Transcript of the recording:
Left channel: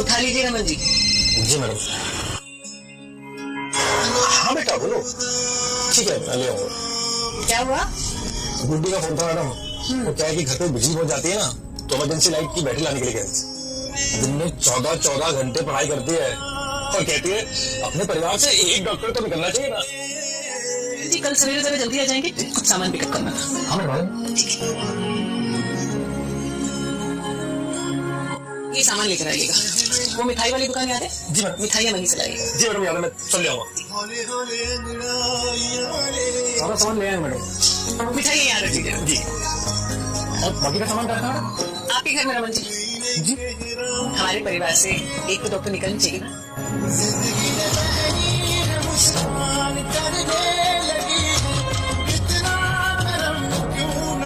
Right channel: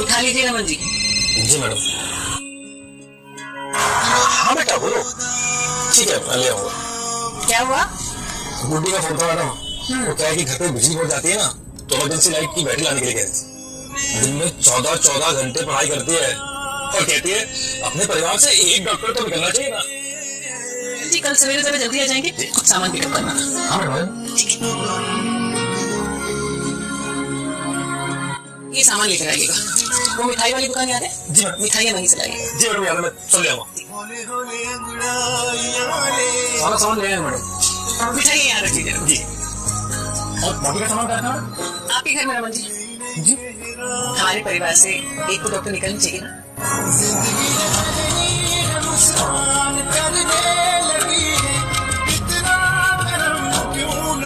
उठा लीजिए रमन जी। जी मैडम। हाँ बेटा बोलो। ठीक है मैं ले आऊंगा। क्या हुआ? गुड्डी का फोन था मैडम। वो क्या है कि घर पे बिजली पहुंच जाती है ना, तो इमरजेंसी लाइट की बैटरी लाने के लिए कह रही थी। दिन में 14 घंटे पढ़ाई करती है और कहती है अपने परिवार से एक डॉक्टर तो निकलना चाहिए ना। जी कल सवेरे जरा जल्दी आ जाएंगे, कुछ सामान पिकअप करना था। हाँ मैडम। ये सामान लेकर आइएगा। वो मिठाई वाली दुकान याद है? जी मैडम। मिठाइयाँ वहीं से लाइएगा। जी मैडम याद है, मैं सब ले आऊंगा। सारा सामान ले आए मैडम। मिठाइयाँ याद रख लीजिएगा। जी। और बाकी का सामान क्या था? आपके घर में रमन जी। जी। हमारे परिवार से एक तो डॉक्टर निकलनी चाहिए ना।